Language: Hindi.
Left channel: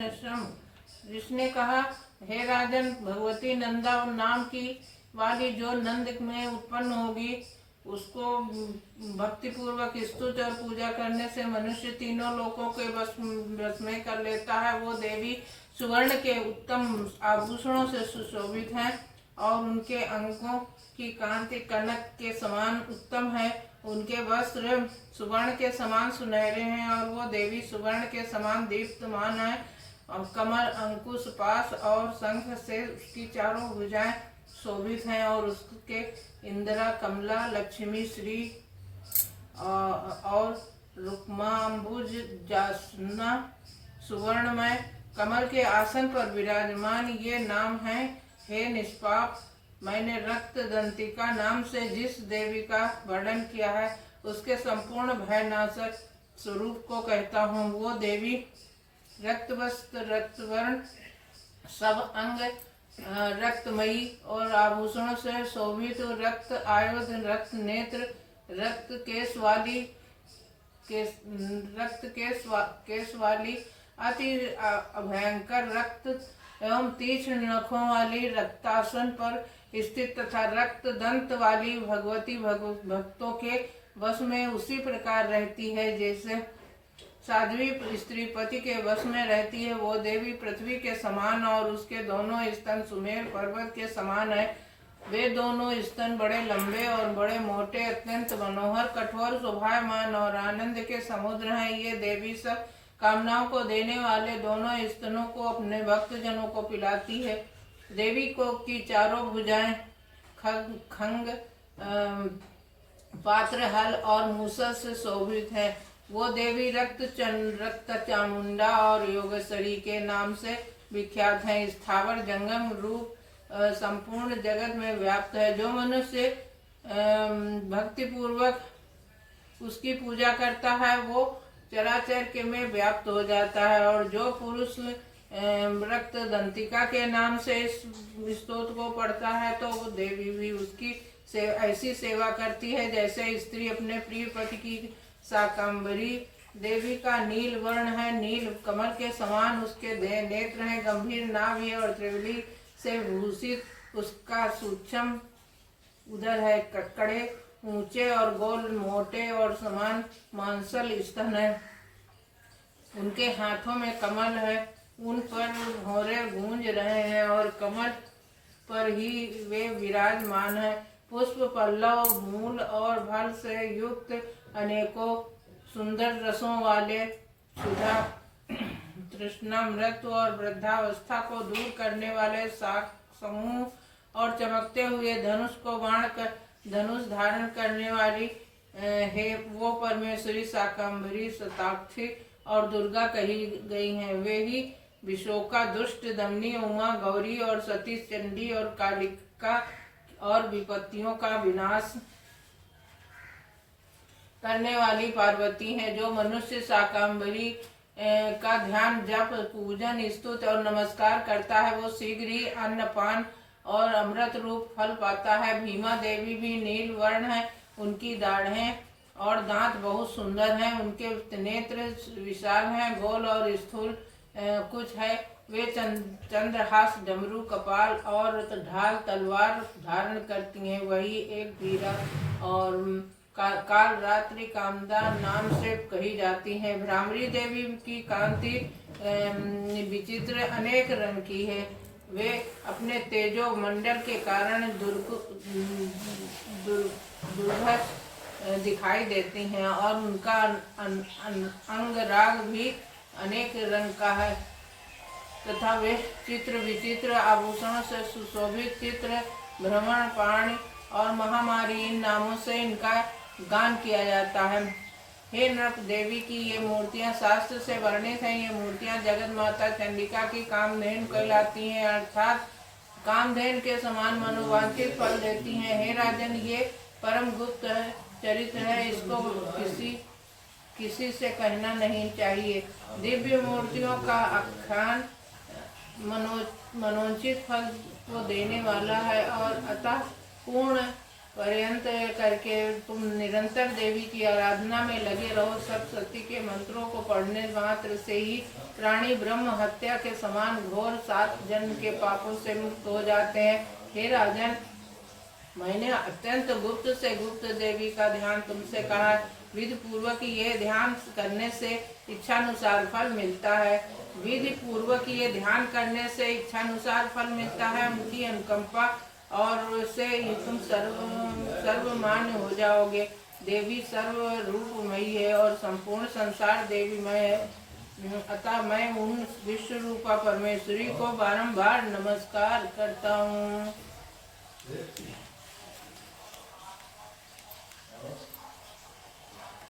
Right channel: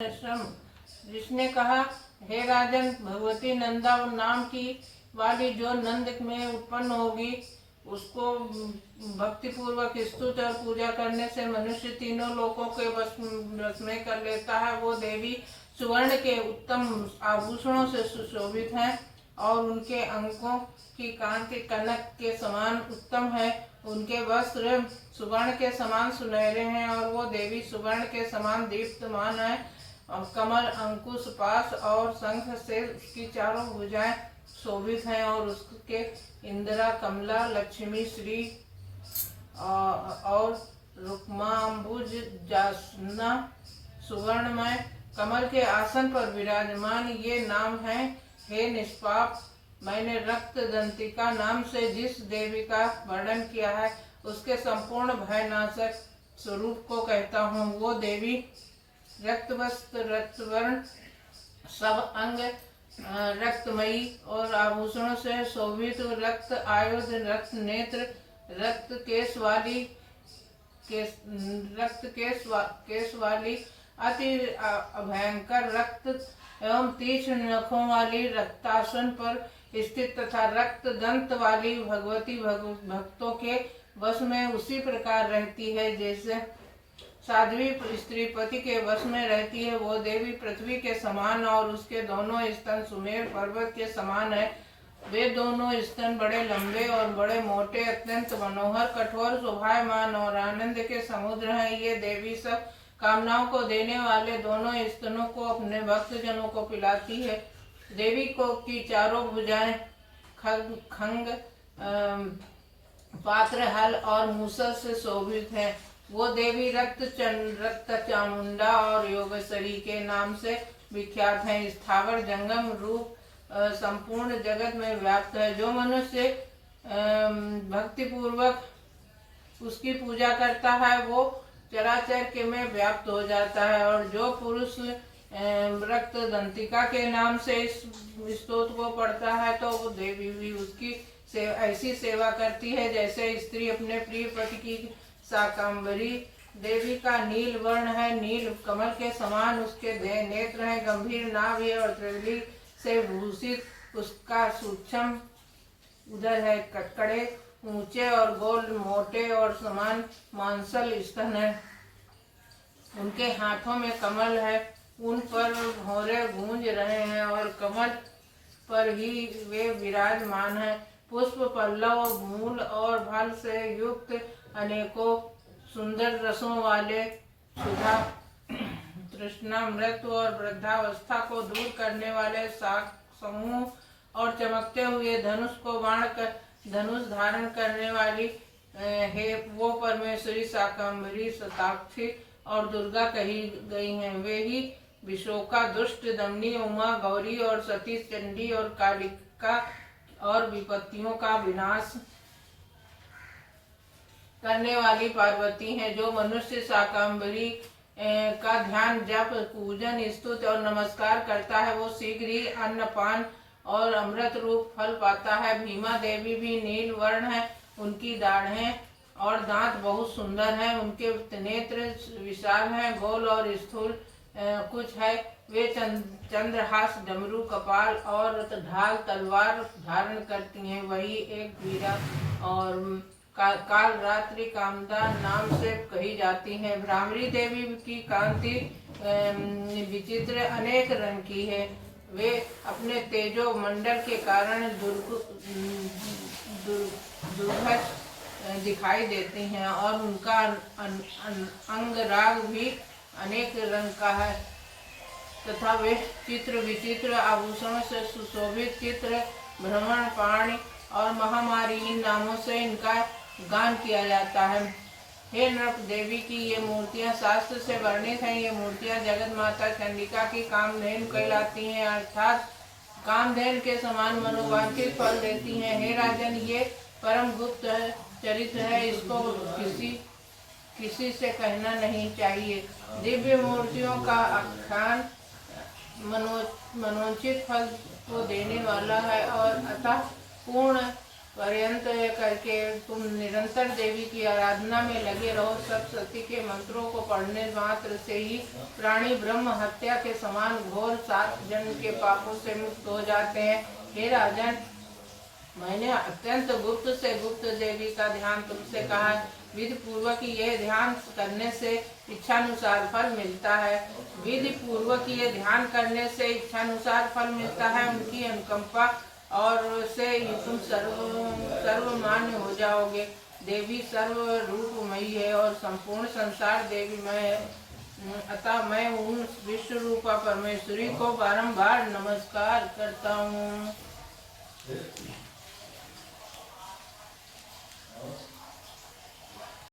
श्रम। जिसने कहा, हे राजन, भगवती नंदा नाम की वाली जो नंद में उत्पन्न होगी, उसको भक्ति पूर्वक स्तुति और पूजा करने से मनुष्य तीनों लोकों के वश में कर लेता है। वो देवी सुवर्ण के उत्तम आभूषणों से सुशोभित हैं और उनके अंगों की कांति कनक के समान उत्तम है। उनके वस्त्र सुवर्ण के समान सुनहरे हैं और वो देवी सुवर्ण के समान दीप्तमान है। कमर, अंकुश, पाश और शंख से उसकी चारों भुजाएं शोभित हैं और उसके इंदिरा, कमला, लक्ष्मी, श्री और रुक्मांबुज जासना सुवर्णमय कमल के आसन पर विराजमान ये नाम है। हे निष्पाप, मैंने रक्त दंतिका नाम से जिस देवी का वर्णन किया है, उसके संपूर्ण भयनाशक स्वरूप को कहता हूँ। वो देवी रक्तवस्त्र, रक्तवर्ण, सब अंग रक्तमयी और आभूषणों से शोभित, रक्त आयुध, रक्त नेत्र, रक्त केश वाली अति भयंकर रक्त एवं तीक्ष्ण नखों वाली, रक्तासन पर स्थित तथा रक्त दंत वाली भगवती भक्तों के वश में उसी प्रकार रहती है जैसे साध्वी स्त्री पति के वश में रहती है। वो देवी पृथ्वी के समान और उसके दोनों स्तन सुमेर पर्वत के समान है। वे दोनों स्तन बड़े लंबे और बड़े मोटे, अत्यंत मनोहर, कठोर, शोभायमान और आनंद के समुद्र हैं। ये देवी सब कामनाओं को देने वाले दोनों स्तनों को अपने भक्त जनों को पिलाती है। देवी को की चारों भुजाएं खंग, पात्र, हल और मूसल से शोभित है। वो देवी रक्त चामुंडा और योगेश्वरी के नाम से विख्यात है। स्थावर जंगम रूप संपूर्ण जगत में व्याप्त है। जो मनुष्य भक्ति पूर्वक उसकी पूजा करता है, वो चराचर के में व्याप्त हो जाता है। और जो पुरुष रक्त दंतिका के नाम से इस स्तोत्र को पढ़ता है, तो वो देवी भी उसकी ऐसी सेवा करती है जैसे स्त्री अपने प्रिय पति की। शाकंभरी देवी का नील वर्ण है, नील कमल के समान उसके नेत्र हैं, गंभीर नाभ है और त्रिवली से भूषित उसका सूक्ष्म उदर है। कड़े, ऊंचे और गोल, मोटे और समान मांसल स्तन है। उनके हाथों में कमल है, उन पर भौरे गूंज रहे हैं और कमल पर ही वे विराजमान है। पुष्प, पल्लव, मूल और फल से युक्त अनेकों सुंदर रसों वाले सुधा, तृष्णा, मृत्यु और वृद्धावस्था को दूर करने वाले शाक समूह और चमकते हुए धनुष को बाण कर धनुष धारण करने वाली है वो परमेश्वरी शाकंभरी, शताक्षी और दुर्गा कही गई हैं। वे ही विशोका, दुष्ट दमनी, उमा, गौरी और सती, चंडी और कालिका और विपत्तियों का विनाश करने वाली पार्वती हैं। जो मनुष्य शाकंभरी का ध्यान, जप, पूजन, स्तुति और नमस्कार करता है, वो शीघ्र ही अन्नपान और अमृत रूप फल पाता है। भीमा देवी भी नील वर्ण है। उनकी दाढ़ें और दांत बहुत सुंदर हैं। उनके नेत्र विशाल हैं, गोल और स्थूल कुछ है। वे चंद्रहास, डमरू, कपाल और ढाल तलवार धारण करती हैं। वही एक वीरा और काल रात्रि कामदा नाम से कही जाती है। भ्रामरी देवी की कांति विचित्र अनेक रंग की है। वे अपने तेजो मंडल के कारण दुर्घट दिखाई देती हैं और उनका अंगराग भी अनेक रंग का है तथा वे चित्र विचित्र आभूषणों से सुशोभित, चित्र, भ्रमण, पाणी और महामारी इन नामों से इनका गान किया जाता है। हे नृप देवी की ये मूर्तियां शास्त्र से वर्णित हैं। ये मूर्तियां जगत माता चंडिका की कामधेनु कहलाती हैं, अर्थात कामधेनु के समान मनोवांछित फल देती हैं। हे राजन, ये परम गुप्त चरित्र है, इसको किसी से कहना नहीं चाहिए। दिव्य मूर्तियों का आख्यान मनोचित फल को देने वाला है और अतः पूर्ण पर्यंत करके तुम निरंतर देवी की आराधना में लगे रहो। सप्तशती के मंत्रों को पढ़ने मात्र से ही प्राणी ब्रह्म हत्या के समान घोर 7 जन्म के पापों से मुक्त हो जाते हैं। हे राजन, मैंने अत्यंत गुप्त से गुप्त देवी का ध्यान तुमसे कहा है। विधि पूर्वक ये ध्यान करने से इच्छानुसार फल मिलता है। विधि पूर्वक ये ध्यान करने से इच्छानुसार फल मिलता है। उनकी अनुकंपा और से तुम सर्वमान्य हो जाओगे। देवी सर्व रूपमयी है और संपूर्ण संसार देवीमय है। अतः मैं उन विश्व रूपा परमेश्वरी को बारंबार नमस्कार करता हूँ।